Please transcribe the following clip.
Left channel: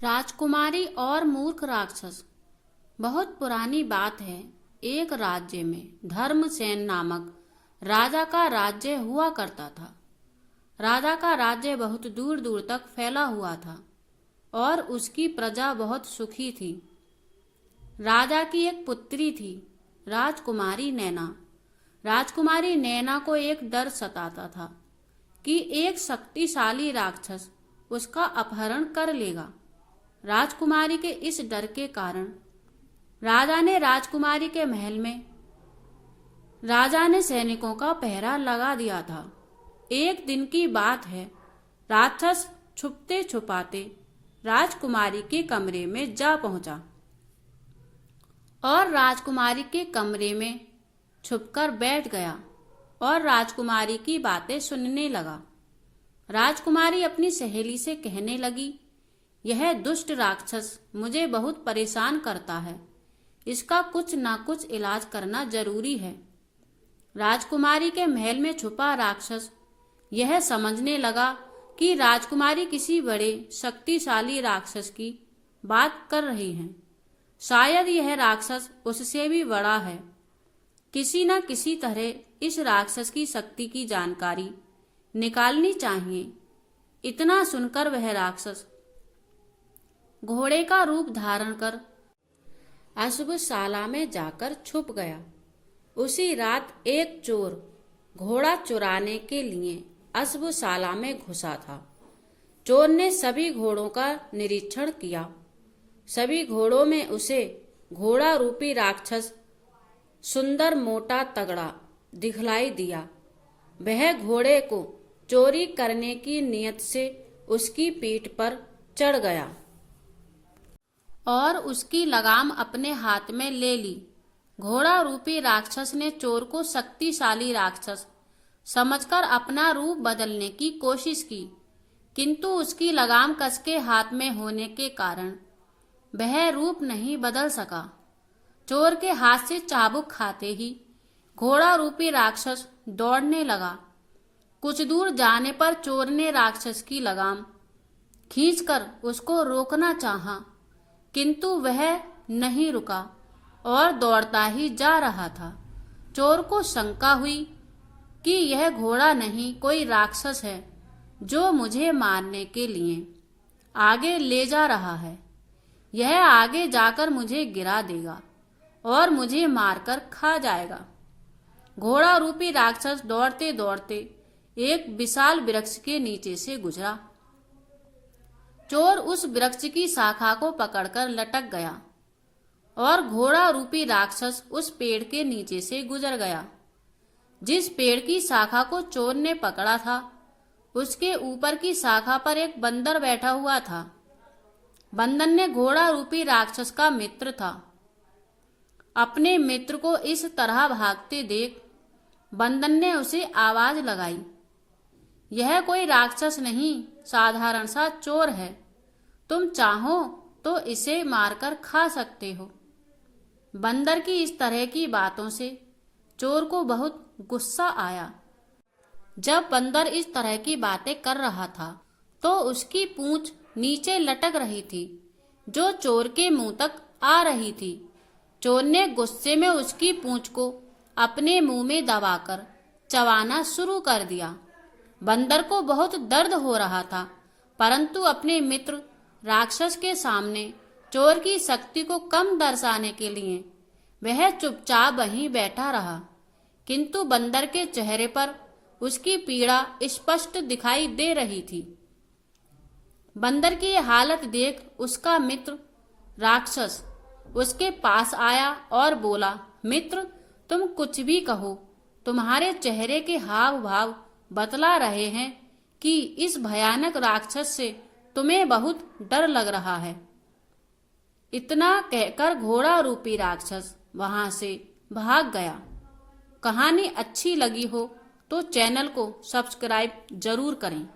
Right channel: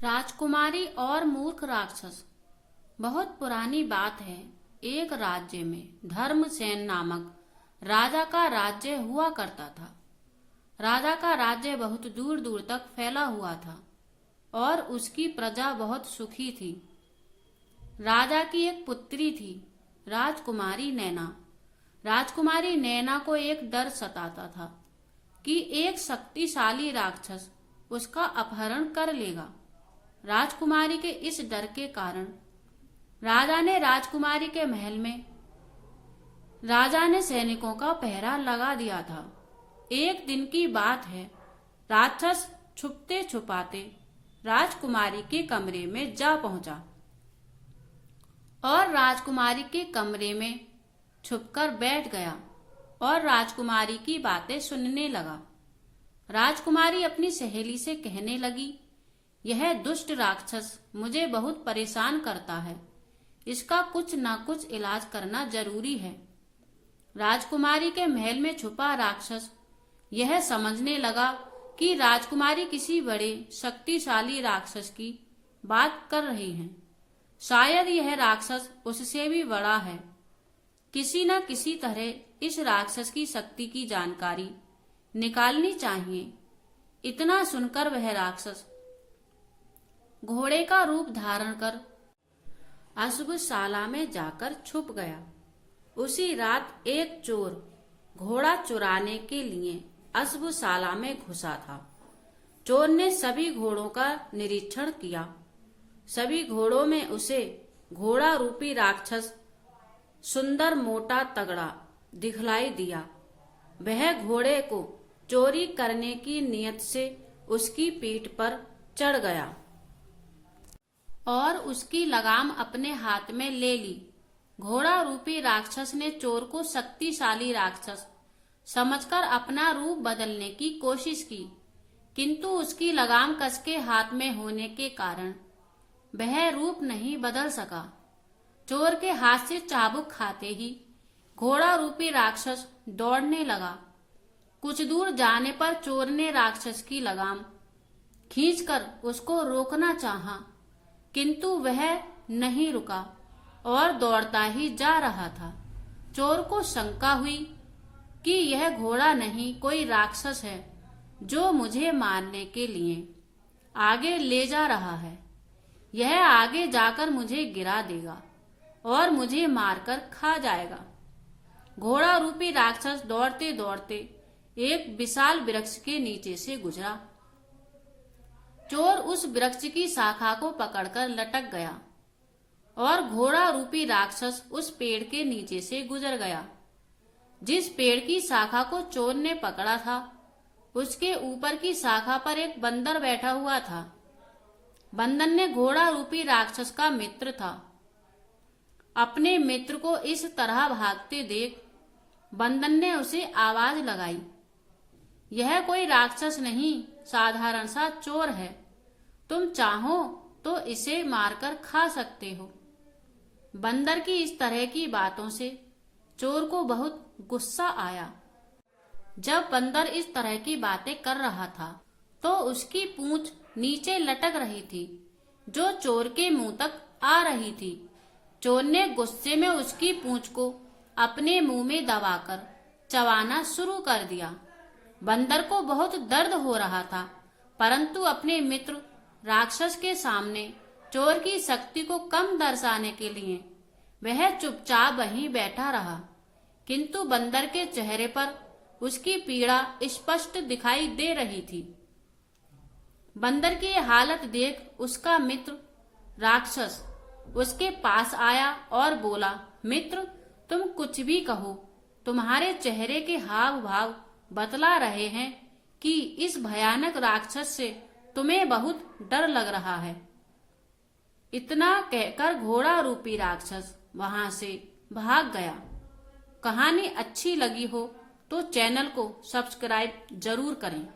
राजकुमारी और मूर्ख राक्षस। बहुत पुरानी बात है। एक राज्य में धर्मसेन नामक राजा का राज्य हुआ करता था। राजा का राज्य बहुत दूर दूर तक फैला हुआ था और उसकी प्रजा बहुत सुखी थी। राजा की एक पुत्री थी, राजकुमारी नैना। राजकुमारी नैना को एक डर सताता था कि एक शक्तिशाली राक्षस उसका अपहरण कर लेगा। राजकुमारी के इस डर के कारण राजा ने राजकुमारी के महल में सैनिकों का पहरा लगा दिया था। एक दिन की बात है, राक्षस छुपते छुपाते राजकुमारी के कमरे में जा पहुंचा और राजकुमारी के कमरे में छुपकर बैठ गया और राजकुमारी की बातें सुनने लगा। राजकुमारी अपनी सहेली से कहने लगी, यह दुष्ट राक्षस मुझे बहुत परेशान करता है, इसका कुछ ना कुछ इलाज करना जरूरी है। राजकुमारी के महल में छुपा राक्षस यह समझने लगा कि राजकुमारी किसी बड़े शक्तिशाली राक्षस की बात कर रही है। शायद यह राक्षस उससे भी बड़ा है। किसी न किसी तरह इस राक्षस की शक्ति की जानकारी निकालनी चाहिए। इतना सुनकर वह राक्षस घोड़े का रूप धारण कर अश्वशाला में जाकर छुप गया। उसी रात एक चोर घोड़ा चुराने के लिए अश्वशाला में घुसा था। चोर ने सभी घोड़ों का निरीक्षण किया। सभी घोड़ों में उसे घोड़ा रूपी राक्षस सुंदर मोटा तगड़ा दिखलाई दिया। वह घोड़े को चोरी करने की नियत से उसकी पीठ पर चढ़ गया और उसकी लगाम अपने हाथ में ले ली। घोड़ा रूपी राक्षस ने चोर को शक्तिशाली राक्षस समझकर अपना रूप बदलने की कोशिश की, किंतु उसकी लगाम कसके हाथ में होने के कारण वह रूप नहीं बदल सका। चोर के हाथ से चाबुक खाते ही घोड़ा रूपी राक्षस दौड़ने लगा। कुछ दूर जाने पर चोर ने राक्षस की लगाम खींचकर उसको रोकना चाहा, किंतु वह नहीं रुका और दौड़ता ही जा रहा था। चोर को शंका हुई कि यह घोड़ा नहीं कोई राक्षस है जो मुझे मारने के लिए आगे ले जा रहा है। यह आगे जाकर मुझे गिरा देगा और मुझे मारकर खा जाएगा। घोड़ा रूपी राक्षस दौड़ते दौड़ते एक विशाल वृक्ष के नीचे से गुजरा। चोर उस वृक्ष की शाखा को पकड़कर लटक गया और घोड़ा रूपी राक्षस उस पेड़ के नीचे से गुजर गया। जिस पेड़ की शाखा को चोर ने पकड़ा था, उसके ऊपर की शाखा पर एक बंदर बैठा हुआ था। बंदर ने घोड़ा रूपी राक्षस का मित्र था। अपने मित्र को इस तरह भागते देख बंदर ने उसे आवाज लगाई, यह कोई राक्षस नहीं, साधारण सा चोर है। तुम चाहो तो इसे मारकर खा सकते हो। बंदर की इस तरह की बातों से चोर को बहुत गुस्सा आया। जब बंदर इस तरह की बातें कर रहा था तो उसकी पूंछ नीचे लटक रही थी जो चोर के मुंह तक आ रही थी। चोर ने गुस्से में उसकी पूंछ को अपने मुंह में दबाकर चबाना शुरू कर दिया। बंदर को बहुत दर्द हो रहा था, परंतु अपने मित्र राक्षस के सामने चोर की शक्ति को कम दर्शाने के लिए वह चुपचाप वहीं बैठा रहा। किंतु बंदर के चेहरे पर उसकी पीड़ा स्पष्ट दिखाई दे रही थी। बंदर की हालत देख उसका मित्र राक्षस उसके पास आया और बोला, मित्र, तुम कुछ भी कहो, तुम्हारे चेहरे के हाव भाव बतला रहे हैं कि इस भयानक राक्षस से तुम्हें बहुत डर लग रहा है। इतना कहकर घोड़ा रूपी राक्षस वहां से भाग गया। कहानी अच्छी लगी हो तो चैनल को सब्सक्राइब जरूर करें।